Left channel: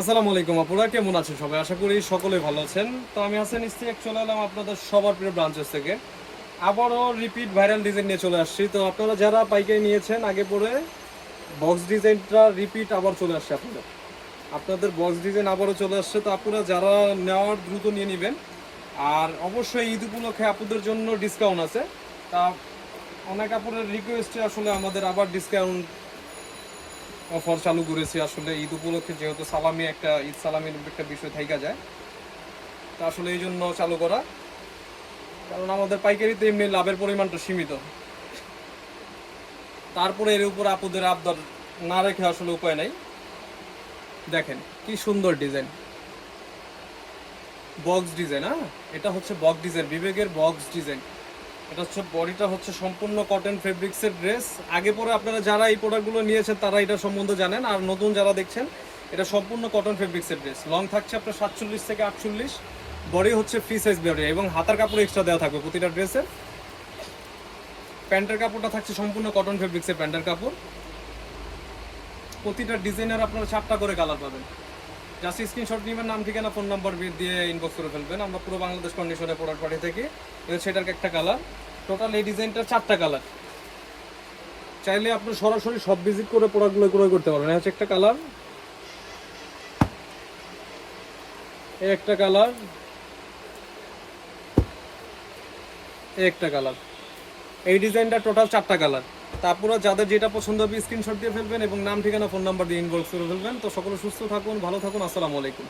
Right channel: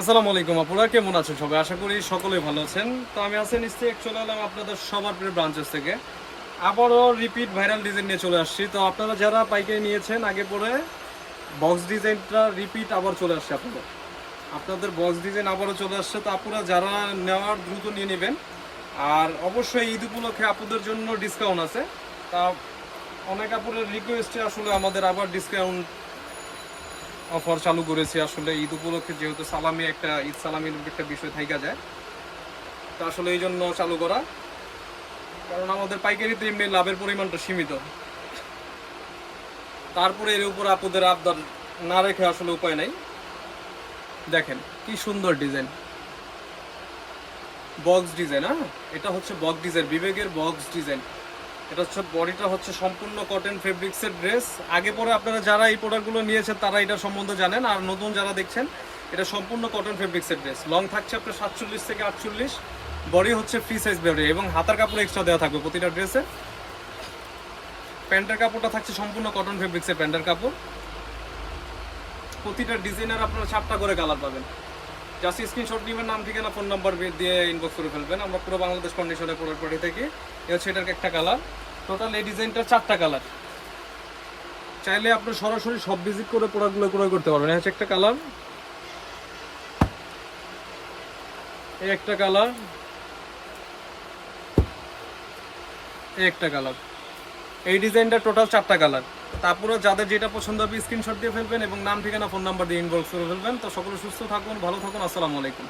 আসসালামু আলাইকুম আপুরা, কেমন আছেন সবাই? আশা করি সকলেই ভালো আছেন। তো আমি হাসান ইস্তিয়াক চলে এলাম আপনাদের সবার প্রিয় ব্রাঞ্চেস থেকে। আবারও রিপিট ভাইরাল ডিজাইন নিয়ে চলে আসছি। তো আপনারা যারা পাইকারি নিয়েছেন আগে পরে, বক্স ডিজাইনটা রিপিট আবার চলে আসছে আপনাদের বক্স ডিজাইন আবারও চলে আসছে। তো আপুরা যারা নেওয়ার দ্রুত নিয়ে নেবেন। আর অবশ্যই ঈদ উপলক্ষে আপুদের জন্য ডিসকাউন্ট আছে। তা অনেক আপুরের রিকোয়েস্টে আসলে আমাদের আবার ডিসকাউন্ট অফার চালু করেছি। আসলে ঈদ উপলক্ষে যেহেতু সালামি একটা ঈদ সালামির একটা বিষয় থাইকা যায়, তো আসলে এই জন্য চালু করা। কারণ আমাদের পাইকারিতে এমনি লাভের পরিমাণটা সীমিত, তারপরে এর উপর আপুদের আবদার না রেখে আসলে উপায় নাই। দেখেন কি সুন্দর ডিজাইন, বক্স ডিজাইন। হ্যাঁ, এটা হচ্ছে বক্স ডিজাইন, বিবেকের বক্স ডিজাইন। এটা হচ্ছে বডিটা হচ্ছে সম্পূর্ণ কটন ফেব্রিক্সের ড্রেস। আগে পরে আপনারা যারা এই প্রোডাক্টগুলো নিয়েছেন তারা এটা সম্বন্ধে জানেন, আর নতুন যারা দেখছেন, এটা সম্পূর্ণ কটন ফেব্রিক্সের ড্রেস। লং থাকছে আপনার 47 থেকে 48, বডি হচ্ছে ফ্রি সাইজ বডি এবং হাতার কাপড় এক্সট্রা দেওয়া থাকবে প্রতিটা ড্রেসের। প্যান্টের কাপড়টা থাকছে সম্পূর্ণ কটন ফেব্রিক্সের প্যান্টের কাপড়। প্রতিটা ডিজাইনের আপনারা 4টা করে কালার পাবেন। জাস্ট স্ক্রিনশট নেবেন, নাম ঠিকানা ফোন নাম্বার দিয়ে ইনবক্স করে ফেলবেন। আমরা পুরো বাংলাদেশ কন্ডিশনে প্রোডাক্ট পাঠিয়ে থাকি। এটা হচ্ছে এটার একটা কালার। টোটাল এই ডিজাইনটার 4টা কালার। চাইলে আপনি সরাসরি সব ভিজিট করে প্রোডাক্টগুলো ক্রয় করতে পারবেন। এই হচ্ছে একটা কালার, এই একটা কালার, এই একটা কালার। এই ডিজাইনটা টোটাল 4টা কালার। তারপরে যাদের যেটা পছন্দ হবে স্ক্রিনশট দিয়ে ফেলবেন এবং নাম ঠিকানা ফোন নাম্বার দিয়ে ইনবক্স করে ফেলবেন। তো সকলে সুস্থ থাকুন, ভালো থাকুন। আসসালামু আলাইকুম।